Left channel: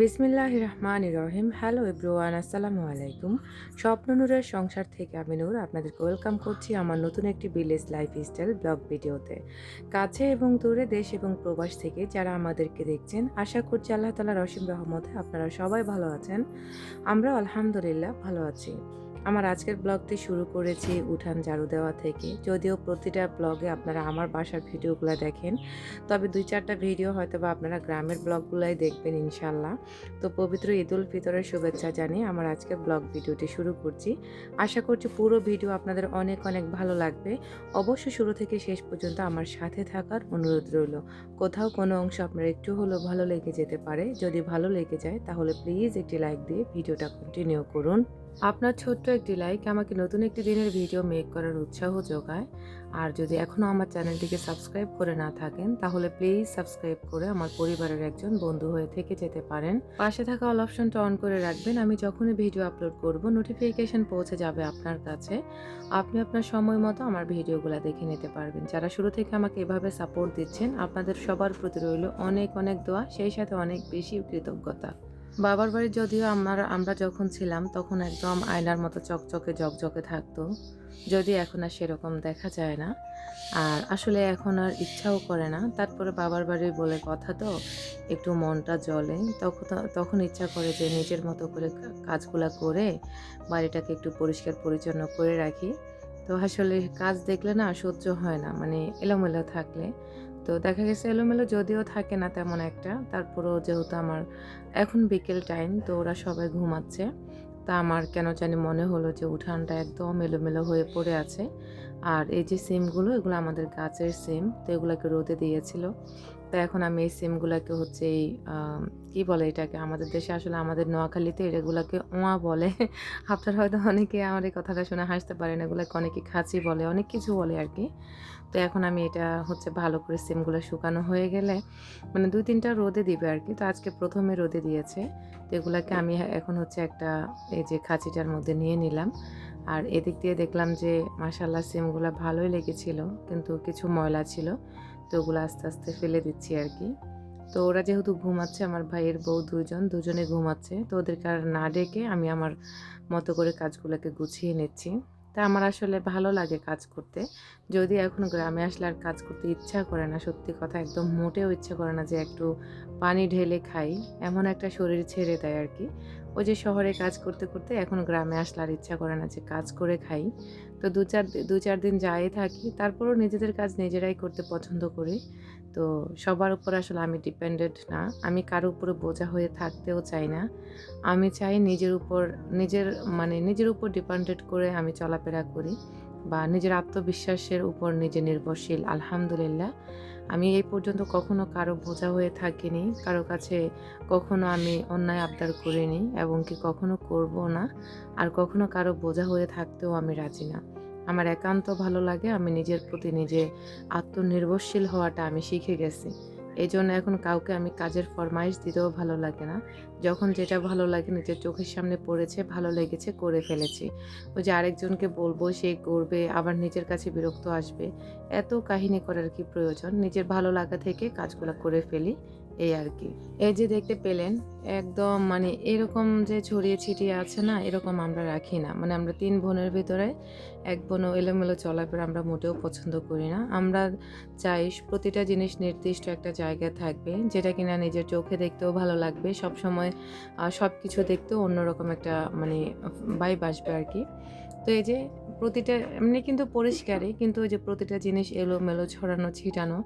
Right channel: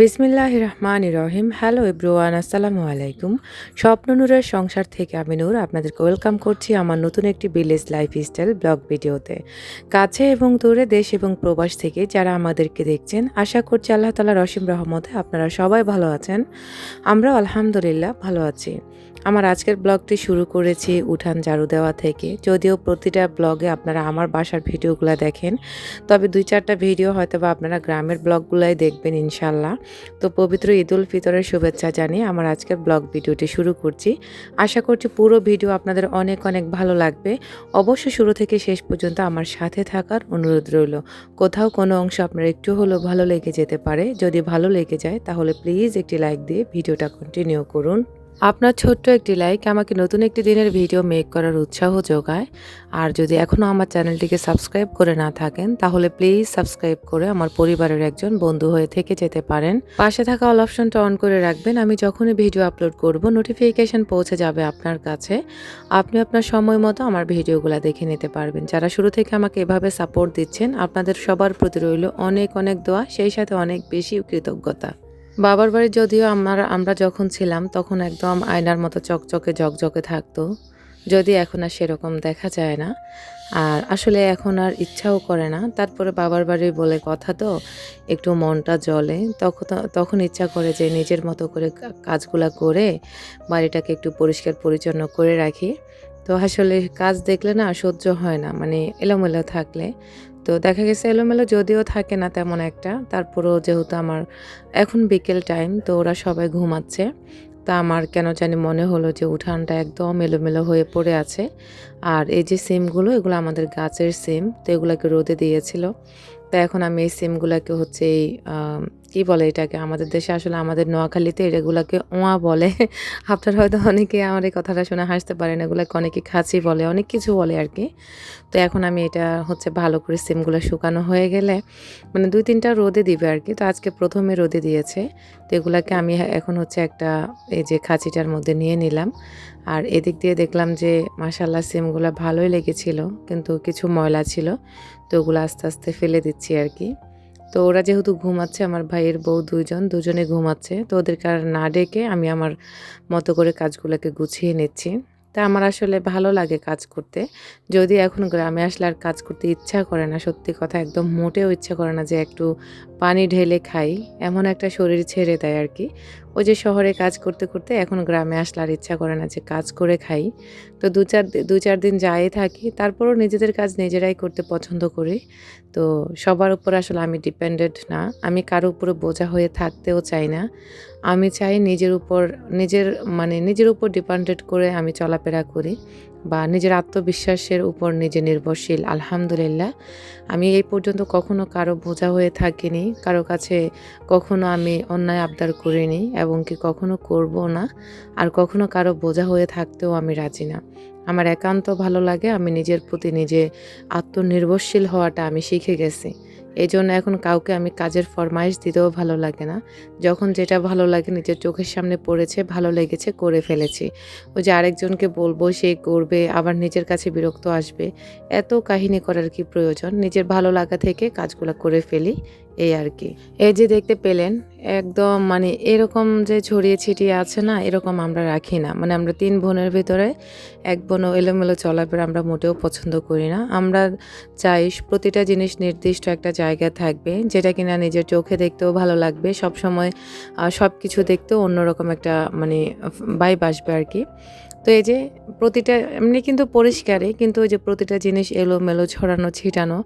বিসমিল্লাহির রহমানির রহিম। Hello everyone, আসসালামু আলাইকুম। স্বপ্ন নূরের সংসার থেকে আমি নূর আপনাদেরকে ওয়েলকাম করছি আমার নতুন একটি ভিলেজ লাইফস্টাইল ব্লগ ভিডিওতে। কাছে এবং দূরে, দেশ এবং প্রবাস থেকে যারা আমাদেরকে দেখছেন, আশা করছি আল্লাহ তাআলার অসীম রহমতে আপনারা সবাই ভালো আছেন। আমরাও আলহামদুলিল্লাহ ভালো আছি। আমার আজকের ব্লগটি শুরু করেছি উঠান ঝাড়ু দেওয়া থেকে। যদিও প্রতিটা ব্লগে আপনারা আমার বাসার ভিডিওগুলো দেখেন, তবে ২-৪টা ভিডিও হয়তোবা আপনারা গ্রামের ব্লগগুলাই দেখবেন ইনশাল্লাহ। তো পবিত্র ঈদুল ফিতরের শুভেচ্ছা জানিয়ে আমার আজকের ব্লগ ভিডিওটি শুরু করছি। আশা করছি পুরো ভিডিও আপনাদের অনেক অনেক ভালো লাগবে। অবশ্যই শুরু থেকে শেষ পর্যন্ত আমার সাথে থাকার অনুরোধ রইল। কোথাও কোনো অংশ আপনার একটু হলেও ভালো লেগে যেতে পারে। যদি ভালো লেগে যায় তাহলে প্লিজ একটি লাইক দিয়ে ভিডিওটা কন্টিনিউ করুন। আপনার ছোট্ট একটি লাইক আমাকে নতুন একটি দিনের ভিডিও মেক করার উৎসাহ যোগায়। আর যদি এখনও আমার চ্যানেলটিকে সাবস্ক্রাইব করে না থাকেন তাহলে প্লিজ সাবস্ক্রাইব করে আমার পরিবারের একজন বন্ধু হয়ে থেকে যেতে পারেন। পাশে থাকা অল অপশনটা অন করে রাখবেন। আমি যখনই ভিডিও আপলোড করব নোটিফিকেশন পৌঁছে যাবে আপনার কাছে। আপনি আপনার সময় মতো আমার ভিডিওগুলো দেখে নিতে পারবেন। যারা শুরু থেকে আমাকে এভাবে সাপোর্ট দিচ্ছেন আপনাদের সবার প্রতি রইল অনেক অনেক দোয়া, সেই সাথে অনেক বেশি কৃতজ্ঞতা। বাবার বাড়ি যদিও আমরা যখন ছিলাম তখন একদম আয়নার মতো চকচকে ঝকঝকে থাকতো। যদি এখন আর সেরকম দেখা যায় না। আর আসলে এখন আর ইচ্ছাও করে না। তারপরে বাবার বাড়ি বলে কথা তো একটু মনটা জ্বলে। তখন ইচ্ছা করে যে নিজের মতো করে কাজগুলা করে বাড়িটাকে একটু পরিষ্কার পরিচ্ছন্ন করে রাখি। তো আসলে কাজ দেখলে না সহ্য হয় না, মানে এলোমেলো থাকলে। তো দেখা গেছে এলোমেলো যদিও থাকে না তেমন একটা, তারপরেও যেহেতু আমার এখন বিকেল টাইম, তো ওরা সবাই ঘুমাচ্ছে। তা আমার কেন জানি মনে হলো যে উঠানটা একদম এলোমেলো হয়ে পড়ে আছে। আর এই যে সিমগুলো, এগুলো আমাদের গাছের সিম, তো এগুলাকে রোদে দিয়েছিল। তো এখন আমি এই সিমগুলাকে হচ্ছে এই কী বলে এটাকে, আমাদের দেশে আসলে আমাদের নোয়াখালীতে এগুলাকে ওয়া বলে। আপনারা হয়তো অনেকে আমার এই কথাটা শুনে হাসতে পারেন, এগুলাকে অনেকে খাঁচি বলে, অনেক কিছু বলে আর কি। তো এখন আমি এটা হচ্ছে ভালো করে সিমগুলো শুকানো হয়ে গেলে মানে ২-৩টা রোদে দিবে আর কি। তো আজকে প্রথমে রোদে দিয়েছে। তো এগুলাকে আমি এখন হচ্ছে একটা এই যে খাঁচিটার মধ্যে নিয়ে নিলাম। আর এদিক দিয়ে দেখলাম যে মাশাআল্লাহ সিমগুলা ভালোই লেগেছিল, কিন্তু কিছু ময়লা ছিল। তো ওগুলো আস্তে আস্তে ফেলে দিচ্ছি আর কি। তো ওরা যেহেতু ঘুমাচ্ছে, আমার ভাইয়ের বউ দুজনে ঘুমাচ্ছে। তো ওদেরকে আর না ডেকে আমি আমার মতো করে কাজগুলোকে গুছিয়ে নিচ্ছি। তা আমার আসলে ভালো লাগে কাজ করতে। যদিও এখন গ্রামে আসলে আর কাজ করতে ইচ্ছা করে না। সত্যি কথা, একদম মোটেও ইচ্ছা করে না যে একটু পানি ঢেলে খাই। এমন একটা শরীর ছেড়ে দেয় আর কি। ওই যে শহরে কাজ করতে করতে এখন গ্রামে আসলে আর ইচ্ছা করে না যে কাজ করে খাই। তো ২-৪ দিন যাই থাকি। তারপরও নিজেদের কাজ নিজেরাই করতে পছন্দ করি। তো সবার উপর আসলে আমি ডিপেন্ডেন্ট না। আমি কারো উপরে বোঝা হয়ে থাকতেও চাই না। আমি চাই নিজের উপর ডিপেন্ডেন্ট করে আমি চলাফেরা করি, বা নিজের আত্মবিশ্বাসের উপর নিজে নির্ভরশীল। আলহামদুলিল্লাহ। আমি এই পর্যন্ত কখনো কারো বোঝা হয়ে থাকিনি। কারো কাছে কখনো আমি অন্যায় আবদার করিনি, এবং কি কখনো করবও না। আর কখনো কারো বোঝা হয়ে থাকতেও আমি রাজি না। আমার একান্ত ভালো লাগে আমি নিজের প্রতি নিজে আত্মনির্ভরশীল হওয়াটা আমি শিখে গেছি। এজন্য এখন কাউকে আমি কাজের ফরমাইশ দিতেও ভালো লাগে না। যখন যেটা ভালো লাগে নিজের চোখের সামনে পড়েছে, ভালো লেগেছে, করে ফেলেছি। ওই যে আরেকজনকে বলবো, সে করবে, আবার নিজের কাছে বিরক্ত আসবে। এত কাহিনী করার কি প্রয়োজন? নিজের ভালো লাগা থেকে কাজগুলা করে ফেলি, এই আর কি। এই যে দেখতে পেলেন, একদম মানে এরকম যে ছড়িয়ে ছিটিয়ে আছে না, এরকম আমরা রাখি না। মানে আমরা ৩ বোনের ভেতরে ১ বোনও এলোমেলো চলাফেরা আমরা মোটেও পছন্দ করি না। আমরা চাই প্রতিটা জিনিস নির্দিষ্ট একটা জায়গায় থাকবে, যেটা কিনা নিজের চোখে দেখতেও ভালো লাগবে। সবসময় সবকিছু দেখতেও অন্যরকম একটা মানে ভাইব আসবে আর কি। তো এই যে প্রতিটা এমনি কিন্তু পরিষ্কারই, কিন্তু ওই যে প্রতিটা জিনিস এলোমেলো ছড়ানো ছিটানো,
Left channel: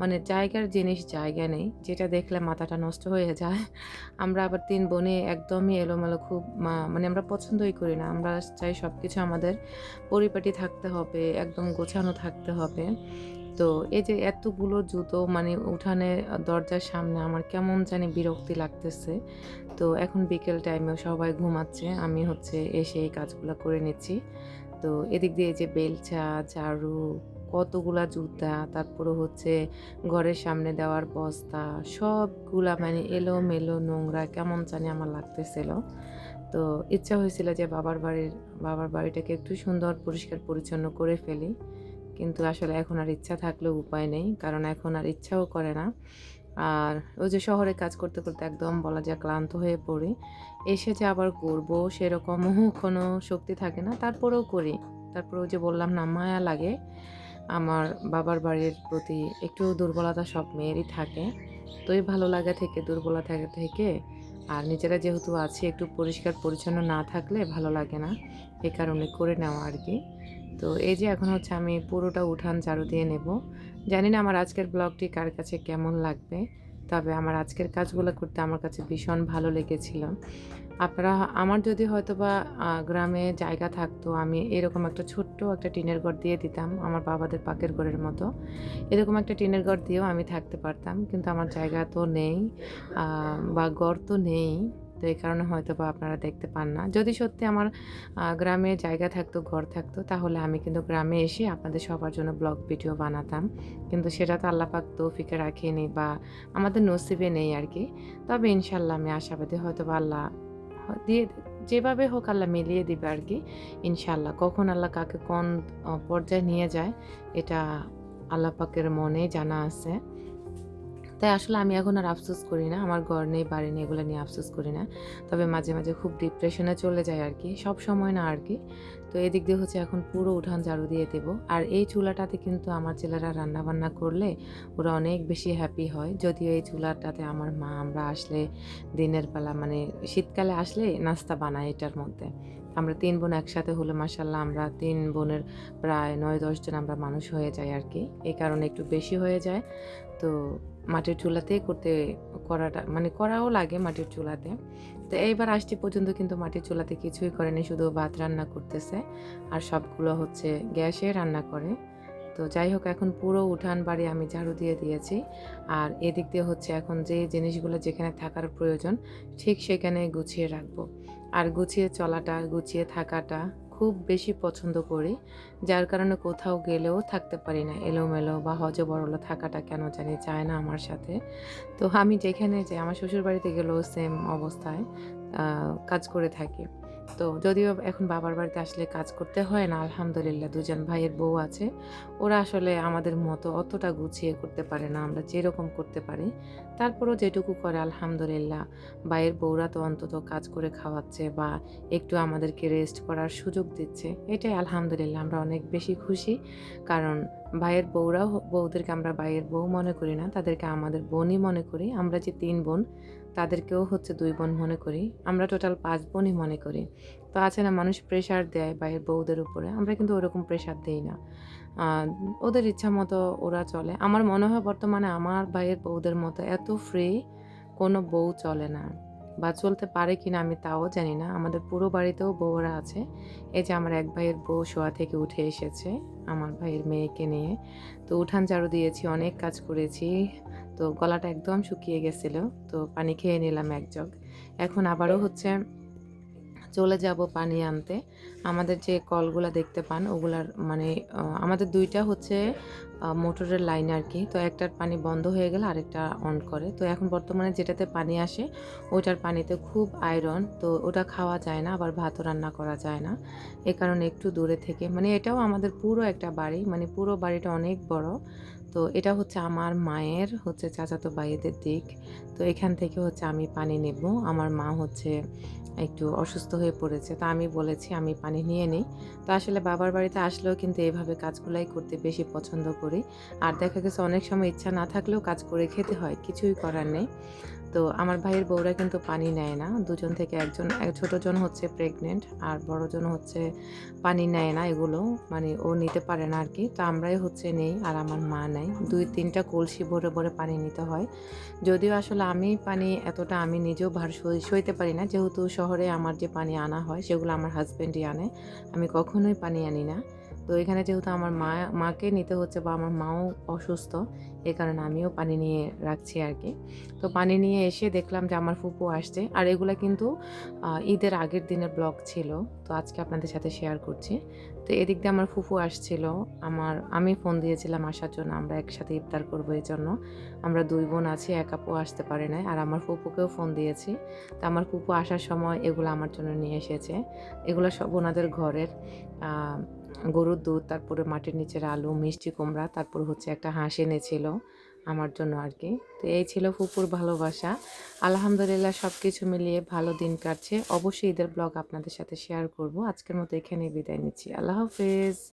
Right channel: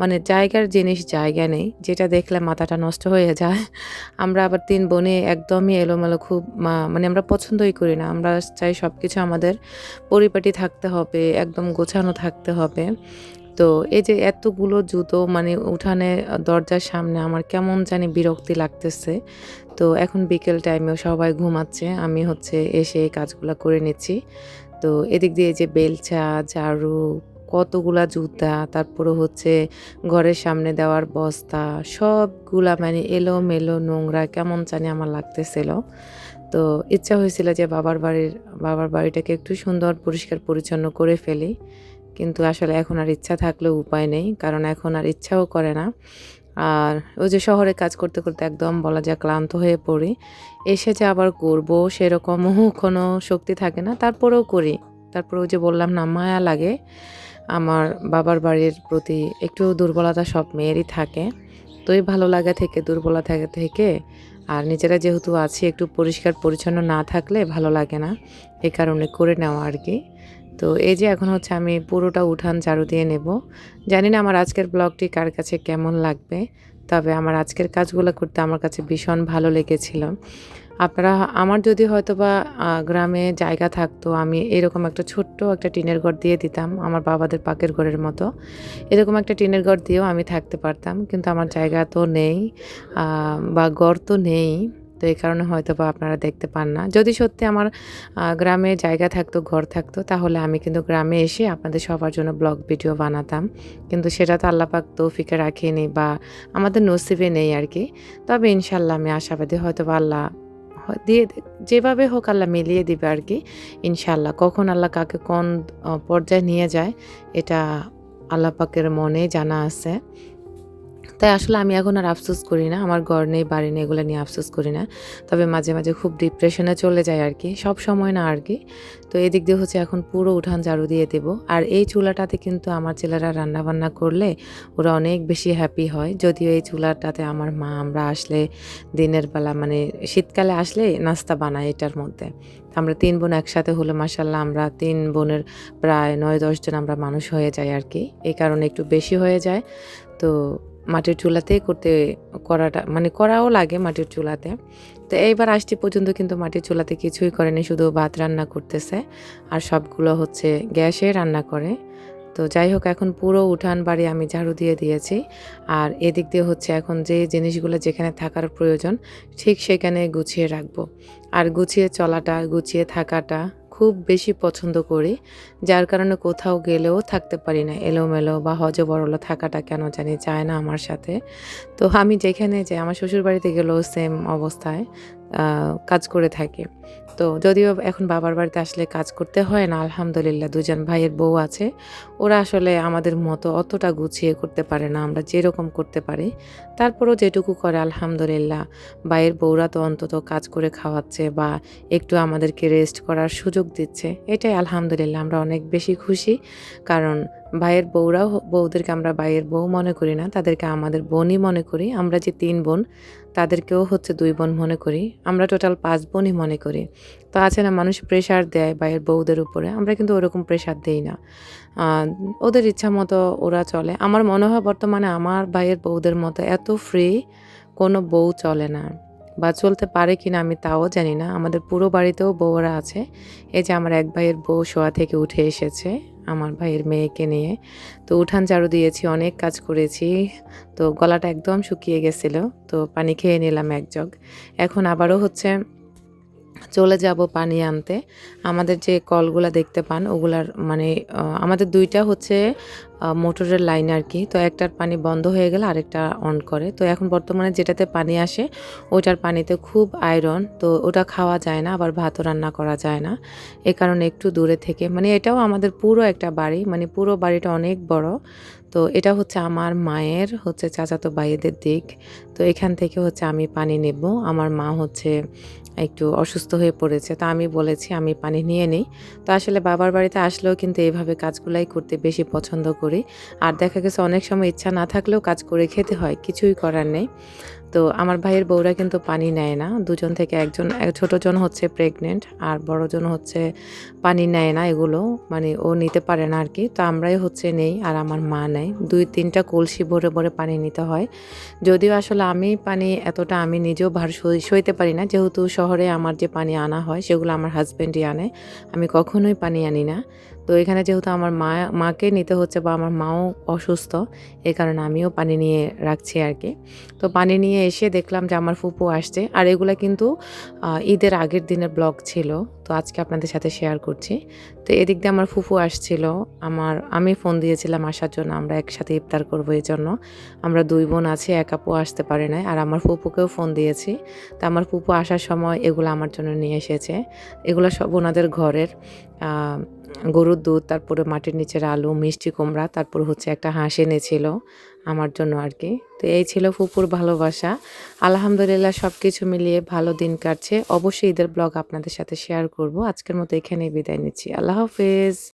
মানে জায়গার জিনিস জায়গা নেই, যেটা দেখলে মাথাটা নষ্ট হয়ে যায়। আমরা আবার ৩ বোনে একদমই এলোমেলো খুব মানে আমরা পছন্দই করি না। আমরা চাই সবকিছু আমাদের পরিপাটি থাকতে হবে, একদম গোছানো থাকতে হবে। তো এই যে এতগুলো জুতো মানে উঠানে দরজার সামনে আমার কেমন জানি বিরক্তি লাগতেছে। তো এখন বিকেল টাইমেও সবাই ঘুমাচ্ছে। আমি হচ্ছে এসে এই কাজগুলা করে নিচ্ছি। তো এদিক দিয়ে যে বেলচা, ঝাড়ু, কতগুলা জুতা, তারপরে হচ্ছে ঘরের সামনে দেওয়ার বস্তা, সবগুলা মানে এলোমেলো নোংরা কেমন জানি আমার লাগতেছিল। তো ইচ্ছা হয়েছিল যে বাবার বাড়িটাকে একটু সুন্দর পরিষ্কার পরিচ্ছন্ন করে ফেলি। কিন্তু আসলে এখন আর ইচ্ছা থাকলেও উপায় নেই। কারণ এখন আর ইচ্ছাও করে না। আর ওই যে শহরে কাজ করতে করতে একদম বলা যায় ক্লান্ত হয়ে পড়ি। এসে যে আবার করবো সেরকমও কোনো শক্তি থাকে না। তারপরেও করি। তারপরে ওই যে বললাম না মায়া লাগে। আমার বাবার বাড়ির প্রতি একটু দুর্বলতা সব মেয়েরই থাকে। তো এই ভালো লাগা থেকে দুর্বলতা থেকে আর নিজেরা যেহেতু আছি একটু পরিষ্কার পরিচ্ছন্ন না থাকলে ভালো লাগে না। এ কারণে করে নেওয়া আরকি। তো এই যে এখন হচ্ছে আমি পুরোটা উঠান ঝাড়ু দিয়ে নেব। জানি না আমার আজকের ব্লগটি কার কাছে কেমন লাগবে। তবে আমার আজকের কাজগুলো করতে আমার কাছে ভীষণ ভালো লেগেছিল। আপনারা আমার যদি হয়তোবা গ্রামে জায়গা থাকতো আমি এরকম একটা ছোট্ট একটা টিনের ঘর দিয়ে দিতাম আমার বাবাদের পাকের ঘরের মতো। এরকম একটা টিনের ঘর দিয়েও আমি থাকতে পারতাম। কিন্তু আমার জায়গা তো নেই আ বা ঘর তো নেই। তো এই কারণে হয়তোবা আপনারা দেখতে পান না। যদি সত্যি আমার গ্রামে জায়গা থাকতো, ঘর থাকতো তাহলে আমি কিন্তু গ্রামে এসে আপনাদের সবার জন্য ব্লগ ভিডিও বানাতাম। কিন্তু সেটা তো আল্লাহ পাক তৌফিকে রাখেনি বা আমাদের নসিবে নেই আরকি। তবে ইনশাআল্লাহ আমি আশাবাদী হয়তোবা আল্লাহ দিয়ে যেভাবে হোক আল্লাহ মিলিয়ে দিবে আরকি। ইনশাআল্লাহ। কখন আল্লাহ কাকে কোন পর্যায়ে নিয়ে যায় এটা আল্লাহ পাকের মনে জানা আছে। তাই আসলে আমি এখন আর আফসোস করি না। আমার ঘর নেই, বাড়ি নেই এগুলো নিয়ে আফসোস করি না। তবে মাঝে, মাঝে খুব ডিপ্রেশনে চলে যাই আরকি। সবসময় না আরকি। তো এদিক দিয়ে হচ্ছে এখন পুরো উঠান ঝাড়ু দিয়ে দেব। আর এই চুলাটাতে কিন্তু আমার ছেলেরা রান্নাবান্না করলে ওরা অনেক বেশি হ্যাপি হয়। যদিও এই চুলাটাতে আমার মা আমরা আসলে দিনের বেলা মানে শীতকালে আসলে নাস্তা বানাই এটার মধ্যে। আমরা ৩ বোন একসাথে হলে মাশাআল্লাহ আমরা ৩ বোনের প্রায় ৯-১০ জন আমরা মানুষ হয়ে যাই আরকি। এই কারণে একটু বেশি হয়ে যায়। তো মাটির চুলাতেই করাটা মানে করাও লাগে মাটির চুলাতে। তো এইবার আসছি পর্যন্ত কিন্তু মাটির চুলাতে কিছুই করেনি। শুধু ভাত রান্না করতেছে। আর সবগুলো হচ্ছে গ্যাসে রান্না করে। তো যাই হোক এখন পুরো উঠান বাড়ি আমি ঝাড়ু দিয়ে দিয়েছি। আর এদিক দিয়ে হচ্ছে এখন যে জিনিসগুলো যেখানে থাকার প্রয়োজন ঠিক সেখানে গুছিয়ে রাখবো। আর গুছিয়ে চলাটা, গুছিয়ে থাকাটা খুব বেশি পছন্দ করি। যার কারণে কোথাও গেলেও থাকতে পারি না। এলোমেলো বা হযবরল থাকাটা কেন জানি চায় না আমার সাথে। তো আমি যেখানে যাই আমার শ্বশুরবাড়িতে গেলেও সেম অবস্থায় আ কাজ করে থাকি। তো যদিও এখন বাবার বাড়িতে আসলে কাজ করতে হয় না আলহামদুলিল্লাহ ২ জন ভাইয়ের বউ আছে। ওরা আসলে আমাদের মতো অতটা গুছিয়ে করতে পারে না। আমরা যেরকম করতে পারি। তারপরেও যেটুকু করে আলহামদুলিল্লাহ ভাইয়ের বউরা তো অন্তত কাজ করে খাওয়াচ্ছে বা একটু আমাদেরকে রেস্ট করার সুযোগ দিচ্ছে। এটাই আলহামদুলিল্লাহ আমরা অনেক বেশি খুশি। কারণ ভাইয়ের বউরাও বউদেরকে আমরা ভাইয়ের বউ মনে করি না। তাদেরকে আমাদের বোনই মনে করি। আমরা যে ৩ বোন তাদেরকেও হচ্ছে ২ বোন মনে করি। আমরা টোটাল ৫ বোনই মনে করি। তো আছে না মানুষ প্রেশার দেয় ভাইয়ের বউদের উপরে। আমরা কিন্তু ওরকম প্রেশার দেই না। আ ওদের ইচ্ছামতো ওরা চলে। আমার মনে হয় বর্তমানে আমার ভাইয়ের বউদের মতো এত ফ্রি কোনো বউ চলে না। বা চলতে পারে কিনা আমি তাও জানি না। আমাদের পুরো বাড়িতেও বউরা আছে। এই যে আমার এক ভাইয়ের বউ শোয়া থেকে উঠে এসেছে, আমার ভাইয়ের মেয়েকে নিয়ে। তো উঠান ঝাড়ু দিয়েছি, অনেক কাজ করেছি। তো গলাটা একদম শুকিয়ে গেছিল। তো পানি খেয়ে নিলাম ১ জগ। এখন আবারও হচ্ছে চলে যাব পানি আনতে। আমাদের যে কলগুলা দেখতে পান ওগুলার মানে আমাদের ২ টা হচ্ছে মোটরের লাইন আরকি। তো একটার পানি বন্ধ হয়ে গেলে আরেকটা অন করে। তো এখন বর্তমানে যেটাতে পানি আসে ওইটার পানিতে খুব আয়রন। তো ওটা খাওয়া যায় না, আবার ভাতও রান্না করা যায় না। এ কারণে একটু দূরে থেকে মানে এটাও আমাদের পুরো একটা বাড়ি। মানে পুরো বাড়িটা অনেক বড়। তো এটা হচ্ছে আমার মায়ের হচ্ছে চাচাতো ভাইয়েদের দিক। তো এখান থেকে হচ্ছে আমি পানি নেব। আমার মা হচ্ছে একটু অসুস্থ হয়ে পড়েছে। তো আমি বলেছি আমি পানি নিয়ে নিই। তো আসলে বাবার বাড়িতে আসলেও কিন্তু এভাবে কাজগুলাই করতে বেশি পছন্দ করি। আর দেখা গেছে অনেক সময় ইচ্ছা না থাকলেও কাজ করে খেতে হয়। কিছুই করার নেই। তো আমার ভাইয়ের বউরা কিন্তু পানি নেয় না। দুজন থেকে একজন ছোটজন হচ্ছে প্রেগনেন্ট আর বড়জন হচ্ছে পানি নেয় না এগুলো। মানে ও নিতে পারে না আরকি। তো আমরাই হচ্ছে নেই আর আমার মা নেয়। ২-৩ টা কলসি ভরে, ভরে পানি নিতে হয়। যদিও আসলে আমি পানি এতটা আমি নিজেও ভার সইতে পারি না। যেহেতু শহরে আমার যে পানি আনা হয় সেগুলো আমার হাসব্যান্ডই আনে। আমি কখনোই পানি আনি না। তো এখানে যেহেতু আমার মাকে নিতে হচ্ছে বা আমার মাও অসুস্থ, এ কারণে আমিও পানি নিয়ে রাখছি আরকি। তো পানি নিয়ে এসে দেখলাম যে আমার ফুপু আসছে। আর এগুলা কিন্তু ঈদের আগের দিনের ব্লগ ছিল। তো আজকে আপনাদের সাথে শেয়ার করছি। তো এদিক দিয়ে আমার ফুফু আসছিল। আমি ফোন দিয়েছিলাম আসার জন্য। আমরা একসাথে ইফতার করব এজন্য। আমরা ২ বোন আছি, এক আপু আসতে পারে নাই। আর আমার ফুপুকেও ফোন দিয়েছি। তো আমার ফুপু আসার সময় এগুলো আমার জন্য নিয়ে এসেছে। এগুলো সব ওনাদের ঘরের। আ গরুর দুধ, তারপরে মাটির নিচের আলু, মিষ্টি কুমড়া, তারপর হচ্ছে একটা হাঁস এনেছিল। আমার জন্য আর কি। তো এই ছিল ফুপুর ভালোবাসা। আলহামদুলিল্লাহ সবকিছু মিলিয়ে ভালো দিন কাটছে। অবশ্যই ঈদের ব্লগ আপনাদের সাথে শেয়ার করব। আজকের মতো এখানেই বিদায় নিচ্ছি। আল্লাহ হাফেজ।